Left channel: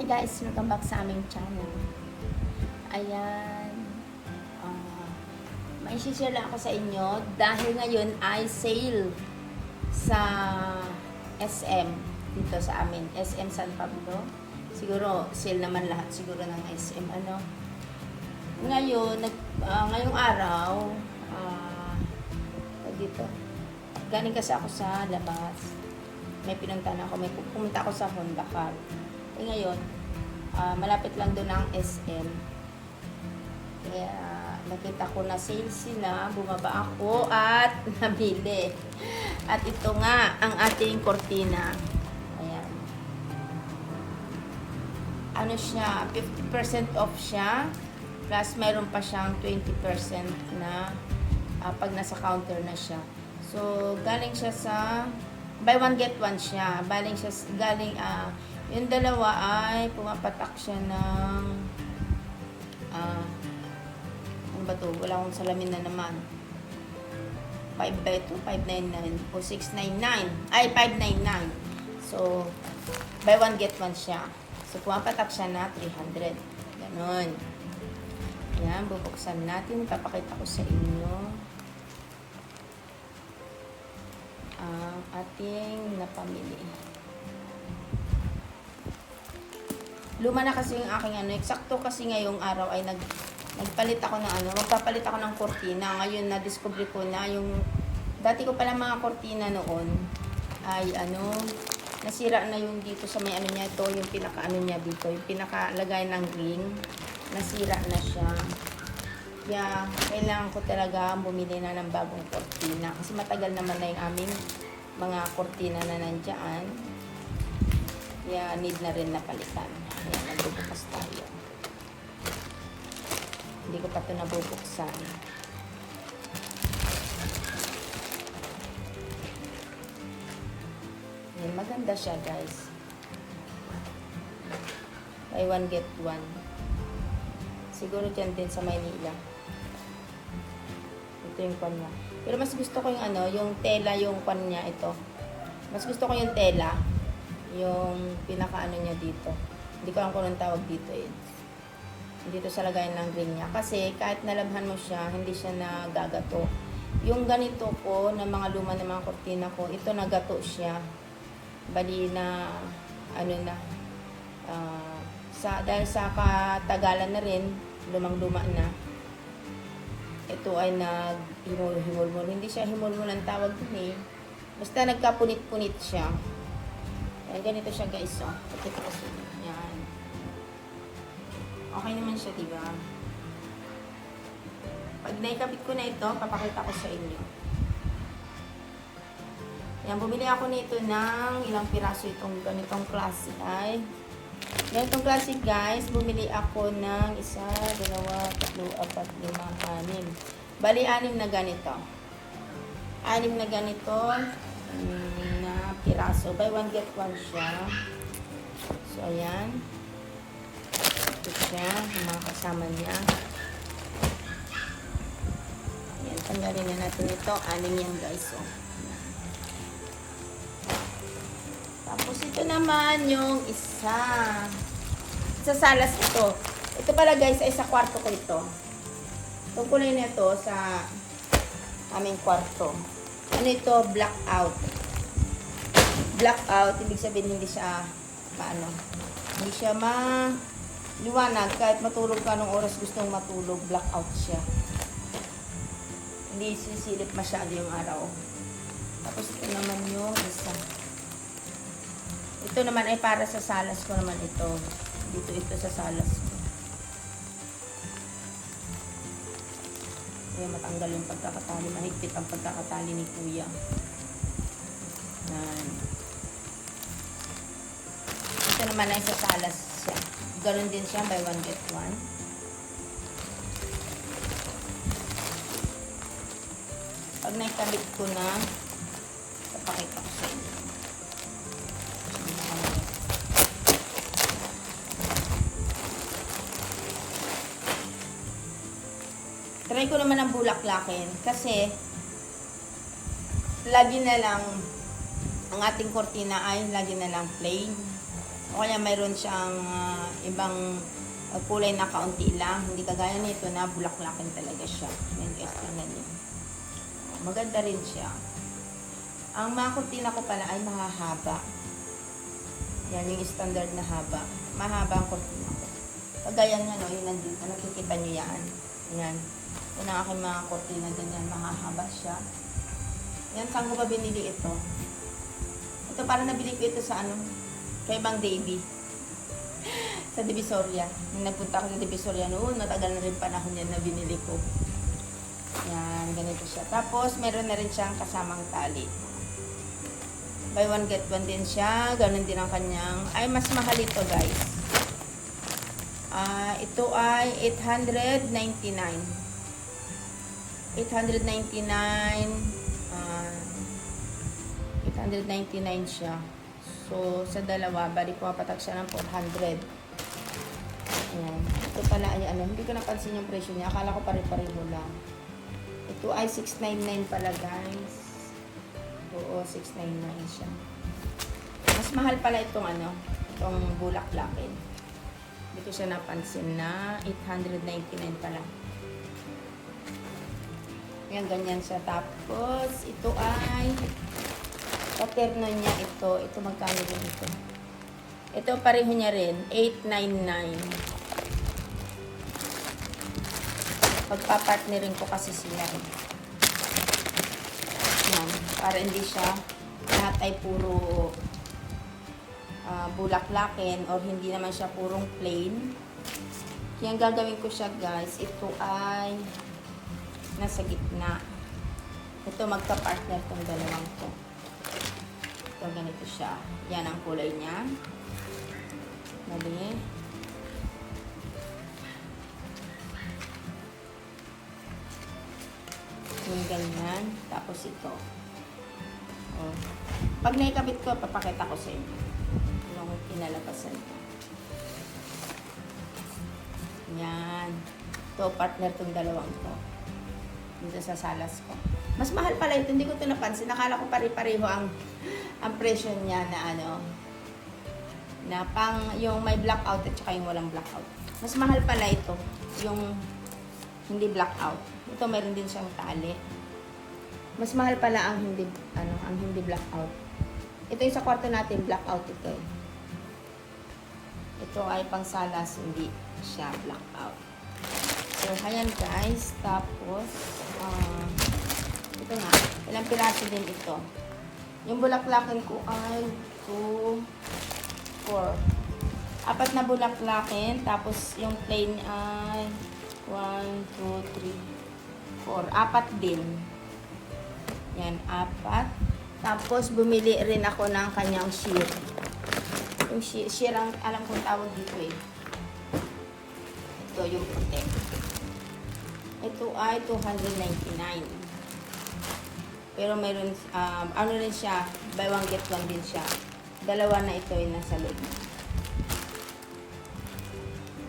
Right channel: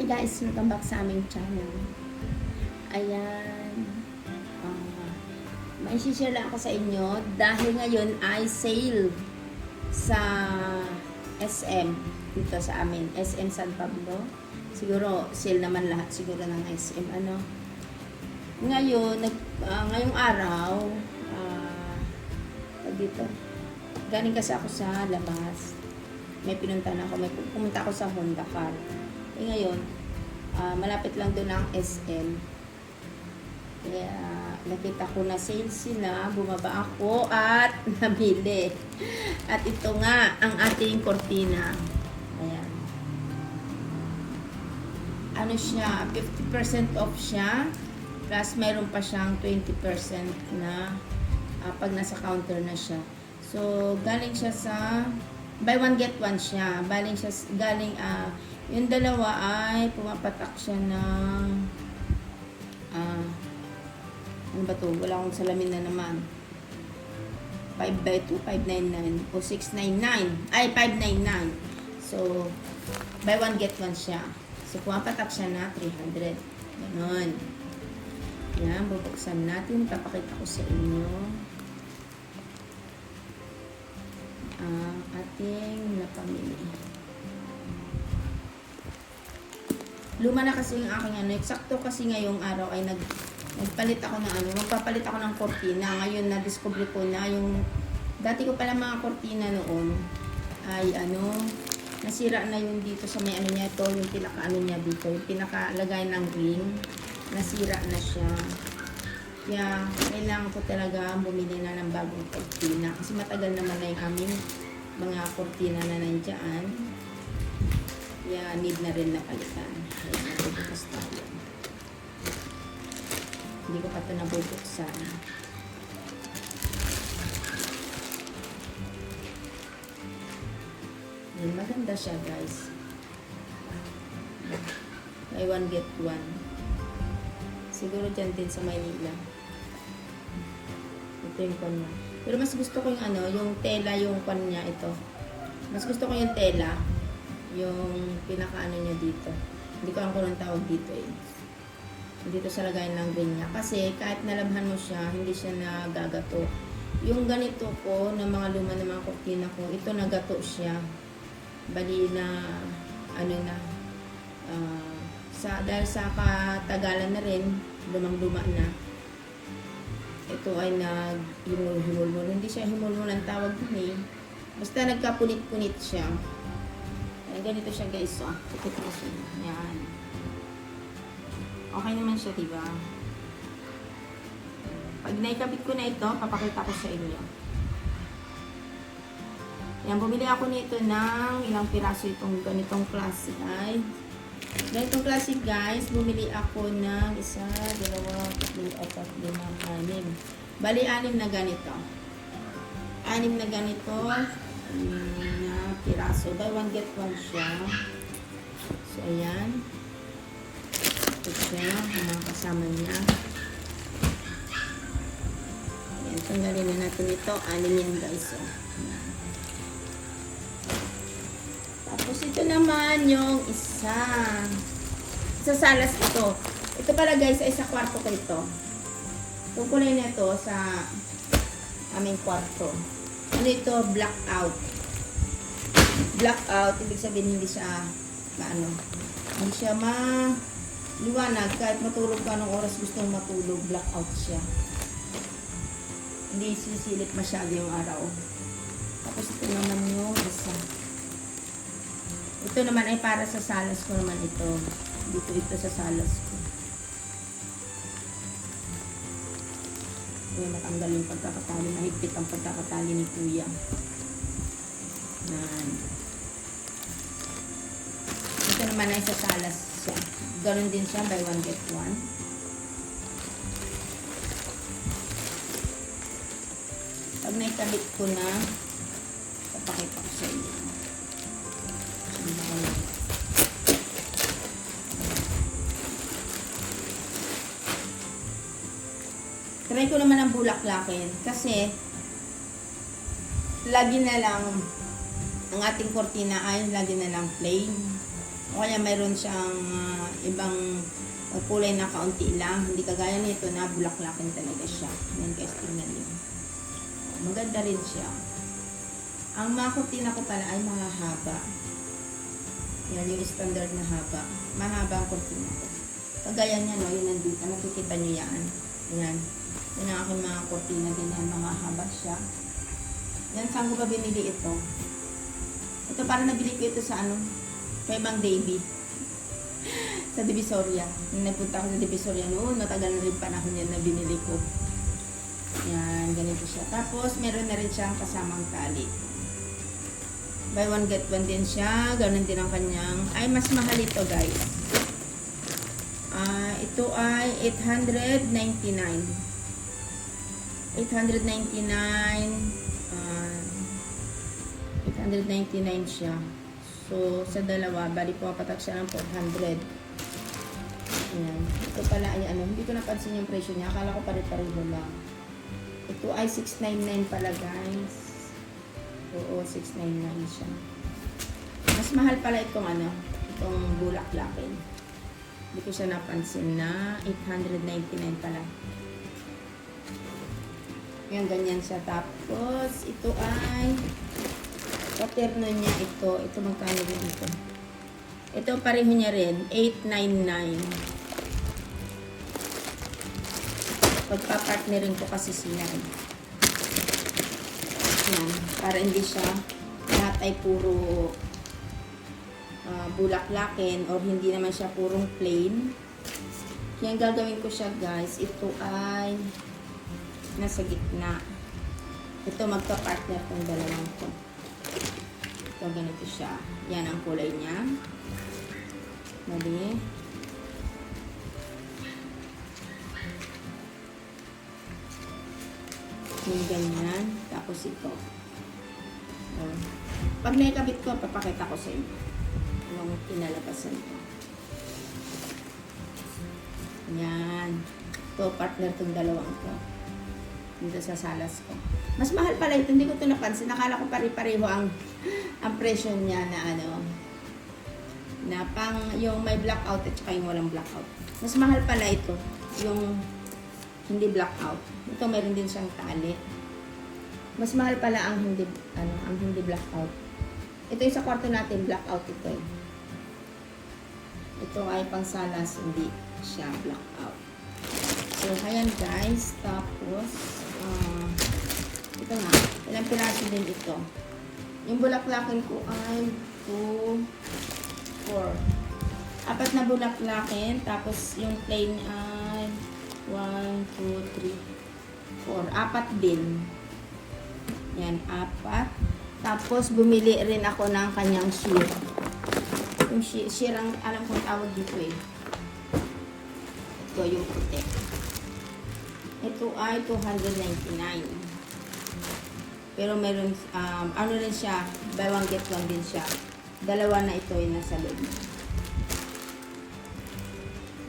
Hi guys, welcome back sa aming channel. Ayan. May share lang ako sa inyo dahil ngayon ay sale sa SM dito sa amin. SM San Pablo. Siguro sale naman lahat siguro ng SM. Ngayon, ngayong araw, dito. Galing kasi ako sa labas. May pinuntahan ako. May pumunta ako sa Honda Car. Ngayon, malapit lang doon ang SM. Kaya, nakita ko na sale sila, bumaba ako at nabili. At ito nga, ang ating cortina. Ayan. Ano siya, 50% off siya. Plus, mayroon pa siyang 20% na pag nasa counter na siya. So, galing siya sa buy one get one siya. Galing yung dalawa ay pumapatak siya ng ano ba to? Wala akong salamin na naman. 5x2, 599 o 699. Ay, 599. So, buy one get one siya. So, pumapatak siya na 300. Ganon. Yan, bubuksan natin. Papakita ko sa inyo ang ating napamili. Luma na kasi yung aking eksakto kasi ngayong araw ay nagpalit ako ng magpapalit ako ng kortina. Ngayon na-discover ko na yung dati ko pala mga kortina noon ay nasira na yung dito sa may niya ito, yung pinaka niya dito, yung pinakalagay ng ring, nasira na siya. Kaya kailangan ko talaga bumili na ng bagong kortina kasi matagal naman na yung aming mga kortina na nandyan. Kaya need na rin na palitan. Ayan, nagbubukas tayo. Hindi ko pa ito nabubuksan. Ayan, maganda siya guys. Buy one get one. Siguro dyan din sa Maynila. Ito yung pan mo. Pero mas gusto ko yung yung tela, yung pan niya ito. Mas gusto ko yung tela. Yung pinaka niya dito. Hindi ko alam kung anong tawag dito eh. Dito sa lagayan ng green niya. Kasi kahit nalabhan mo siya, hindi siya nagagato. Yung ganito po, na mga luma ng mga kortina ko, ito nagato siya. Bali na, dahil sa katagalan na rin, lumang-luma na, ito ay nag-himol-himol. Hindi siya himol-himol ang tawag ni. Basta nagkapunit-punit siya. Ayan, ganito siya guys. Ito kasi. Yan. Okay naman siya, diba? Pag naikabit ko na ito, papakita ko sa inyo. Ayan, bumili ako nito ng ilang piraso itong ganitong klase ay. Ganitong klase guys, bumili ako ng 1, 2, 3, 4, 5, 6. Bali, 6 na ganito. 6 na ganito na piraso. Buy one get one siya. So, ayan. Ito siya, yung mga kasama niya. Ayan, tanggalin na natin ito. 6 yan guys. Tapos ito naman yung isa. Sa salas ito. Ito pala guys ay sa kwarto ko ito. Itong kulay na ito sa aming kwarto. Ano ito? Blackout. Blackout, ibig sabihin hindi siya hindi siya liwanag. Kahit matulog ka nung oras gusto mong matulog, blackout siya. Hindi sisilip masyado yung araw. Tapos ito naman yung isa. Ito naman ay para sa salas ko naman ito. Dito sa salas ko. Kaya matanggal yung pagkakatali. Mahigpit ang pagkakatali ni Kuya. Ito naman ay sa salas siya. Gawin din siya buy one get one. Pag naikalit ko na, papakita ko sa inyo. Try ko naman ang bulaklakin kasi lagi na lang ang ating kortina ay lagi na lang plain. O kaya mayroon siyang ibang kulay na kaunti lang. Hindi kagaya nito na bulaklakin talaga siya. Yan guys, ganyan yun. Maganda rin siya. Ang mga kurtina ko pala ay mahahaba. Yan yung standard na haba. Mahaba ang kurtina ko. Kagaya niya, no, yung nandito. Nakikita niyo yan. Yan. Yan ang aking mga kurtina din yan. Mahahaba siya. Yan, saan ko ba binili ito? Ito parang nabili ko ito sa sa ibang Davy. Sa Divisoria. Nung nagpunta ako sa Divisoria noon, natagal na rin panahon yan na binili ko. Yan, ganito siya. Tapos, meron na rin siyang kasamang tali. Buy one get one din siya. Ganon din ang kanyang. Ay, mas mahal ito guys. Ito ay 899. 899 siya. So, sa dalawa, bali pumapatak siya ng 400. Ayan. Ito pala ay hindi ko napansin yung presyo niya. Akala ko pare-pareho lang. Ito ay 699 pala guys. Oo, 699 siya. Mas mahal pala itong itong bulaklakin. Hindi ko siya napansin na 899 pala. Yan, ganyan siya. Tapos, ito ay paterno niya ito. Ito, magkano din ito? Ito, pareho niya rin. 899. Pagpapartnerin ko kasi siya. Yan. Para hindi siya lahat ay puro bulaklakin or hindi naman siya purong plain. Kaya gagawin ko siya guys. Ito ay nasa gitna. Ito magka-partner itong dalawang ko. Ito ganito siya. Yan ang kulay niya. Mali. Yung ganyan. Tapos ito. Oh. Pag naikabit ko, papakita ko sa inyo. Yung pinalabasan ko. Yan. Ito, partner itong dalawang ito. Dito sa salas ko. Mas mahal pala ito. Hindi ko ito napansin. Nakala ko pare-pareho ang presyo niya na na pang yung may blackout at saka yung walang blackout. Mas mahal pala ito. Yung hindi blackout. Ito meron din siyang tali. Mas mahal pala ang hindi blackout. Ito yung sa kwarto natin, blackout ito eh. Ito ay pang salas, hindi siya blackout. So, ayan guys. Tapos, ito na. Ilang piraso din ito. Yung bulaklakin ko ay 2, 4. 4 na bulaklakin. Tapos, yung plain ay 1, 2, 3, 4. 4 din. Yan, 4. Tapos, bumili rin ako ng kanyang sheer. Yung sheer ang alam kong tawag dito eh. Ito yung puti. Ito ay 299. Pero meron, ano rin siya, buy one get one din siya. Dalawa na ito ay nasa loob.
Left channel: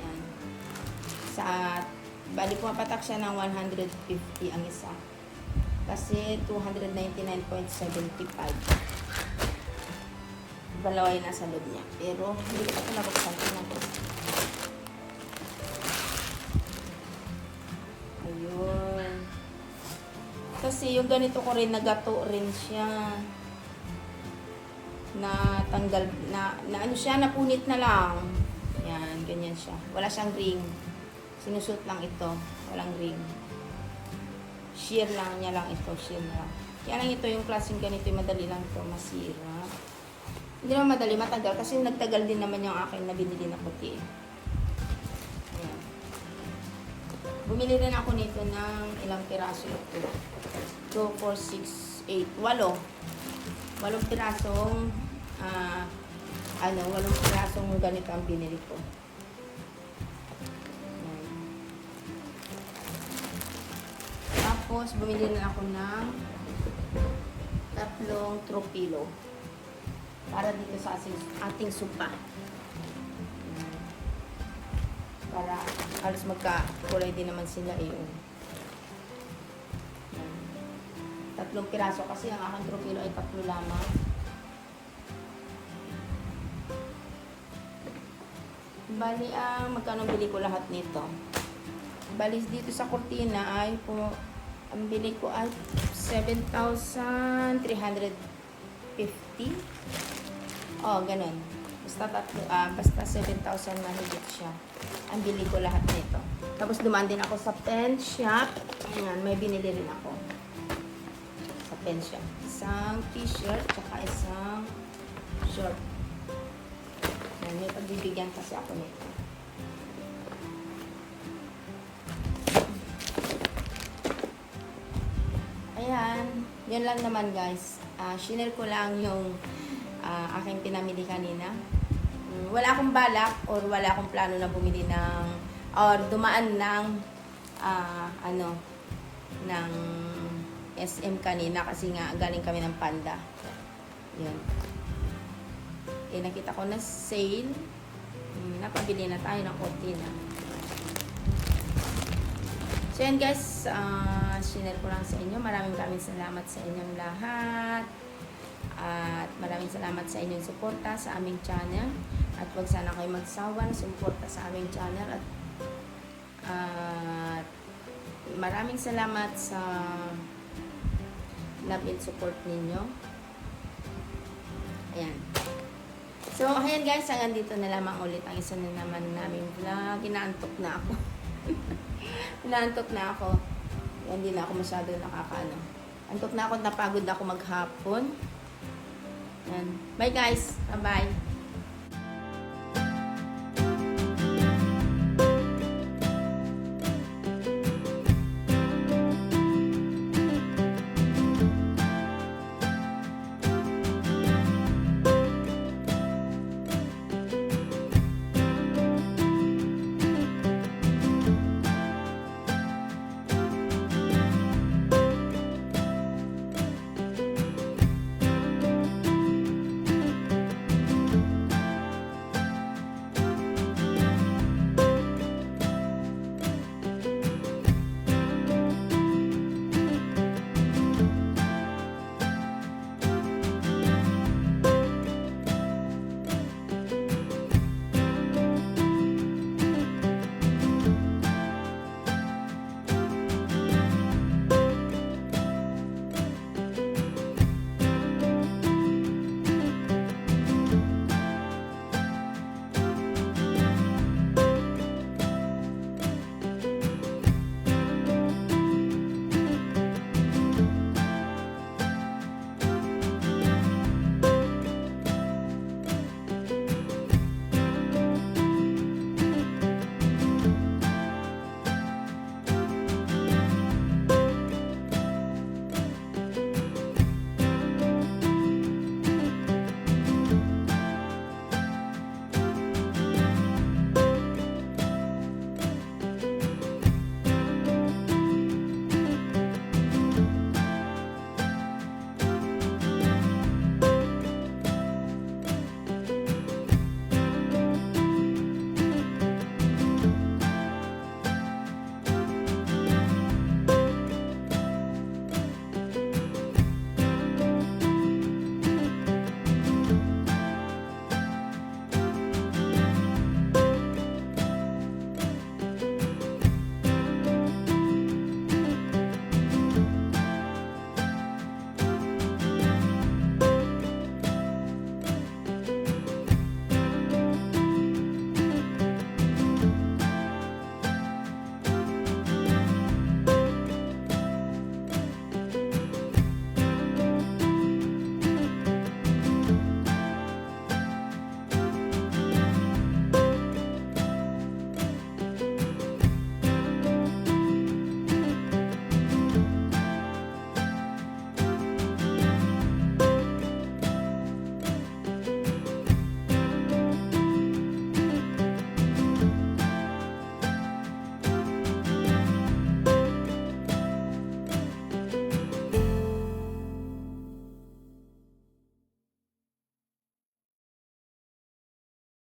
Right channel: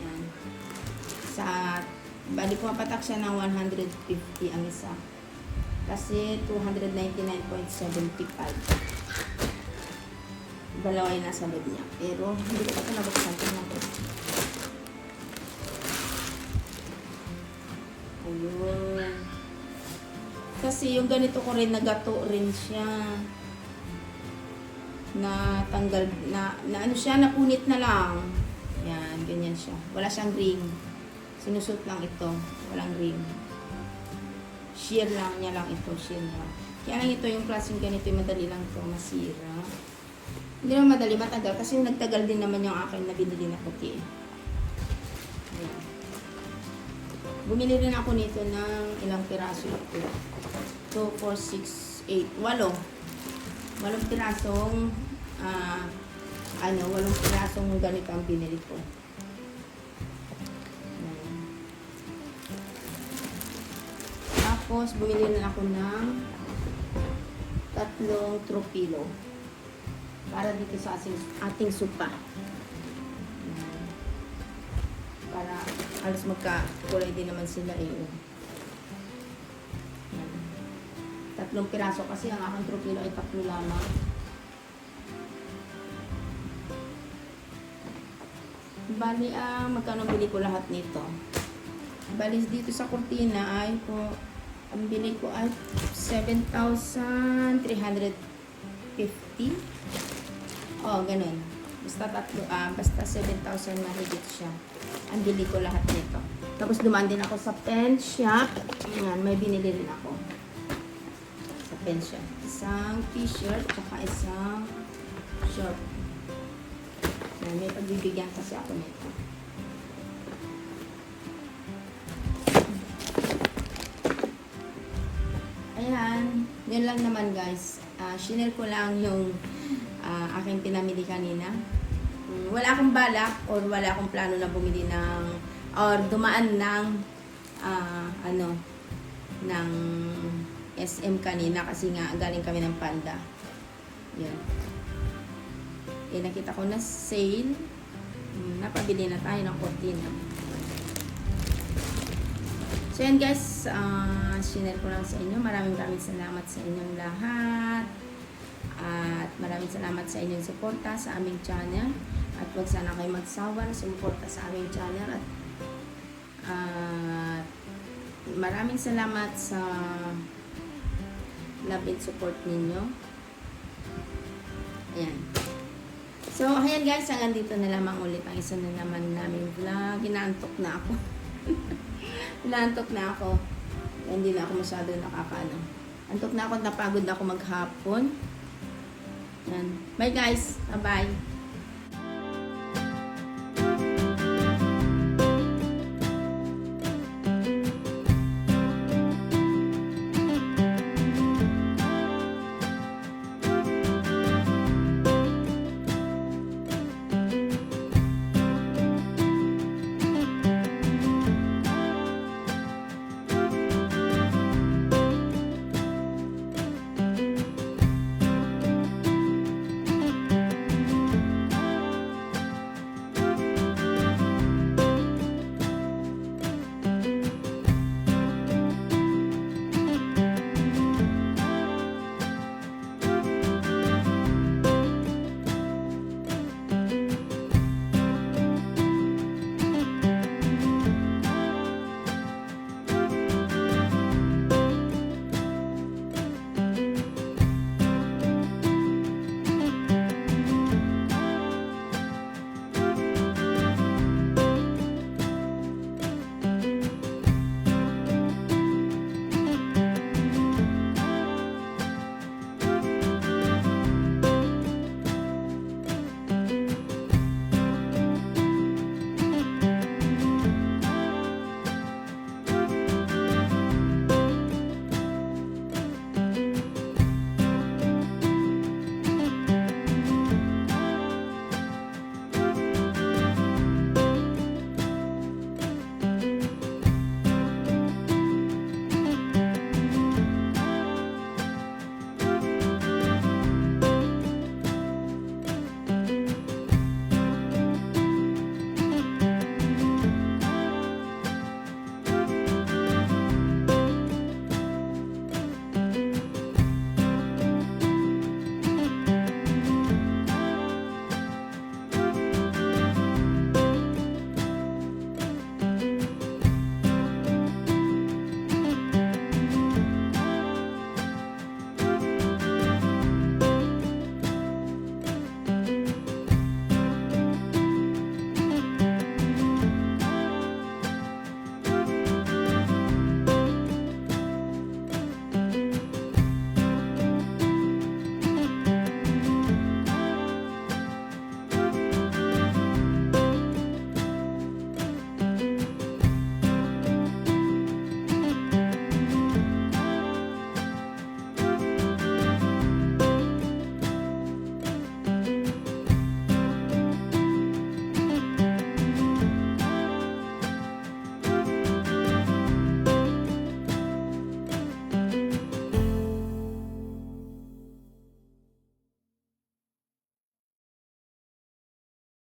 Yan. Bali pumapatak siya ng 150 ang isa. Kasi 299.75. Dalawa yung nasa loob niya. Pero hindi ko nabuksan ko na ito. Ayun. Kasi yung ganito ko rin, nagato rin siya. Na tanggal, na ano siya, napunit na lang. Yan, ganyan siya. Wala siyang ring. Sinusot lang ito. Walang ring. Sheer lang niya lang ito. Sheer lang. Kaya lang ito, yung klaseng ganito, madali lang ito masira. Hindi naman madali, matagal. Kasi nagtagal din naman yung aking nabinili na puti. Ayan. Bumili rin ako nito ng ilang piraso ito. 2, 4, 6, 8, 8. 8 pirasong 8 pirasong ganito ang binili ko. Tapos bumili rin ako ng 3 tropilo para dito sa ating supa. Para halos magkakulay din naman sila eh. 3 piraso kasi ang aking tropilo ay 3 lamang. Bali, magkano bili ko lahat nito? Bali, dito sa kurtina ay po, ang bili ko ay 7,350. Oh, ganun. Basta tatlo, basta 7,000 na higit siya. Ang bili ko lahat nito. Tapos dumaan din ako sa pen shop. Ayan, may binili din ako. Sa pen shop. Isang t-shirt, tsaka isang short. Ayan, may pagbibigyan kasi ako nito. Ayan, yun lang naman guys. Share ko lang yung aking pinamili kanina. Wala akong balak or wala akong plano na bumili ng or dumaan ng ng SM kanina kasi nga galing kami ng Panda. Yan. Eh, nakita ko na sale. Napabili na tayo ng kurtina. So yan guys, sinare ko lang sa inyo. Maraming salamat sa inyong lahat. At maraming salamat sa inyong suporta sa aming channel. At huwag sana kayo magsawa na sumuporta sa aming channel. At maraming salamat sa love and support ninyo. Ayan. So, ayan guys, hanggang dito na lamang ulit ang isa na naman namin vlog. Inaantok na ako. Inaantok na ako. Hindi na ako masyado nakakaano. Antok na ako, napagod ako maghapon. Yan. Bye guys. Bye-bye.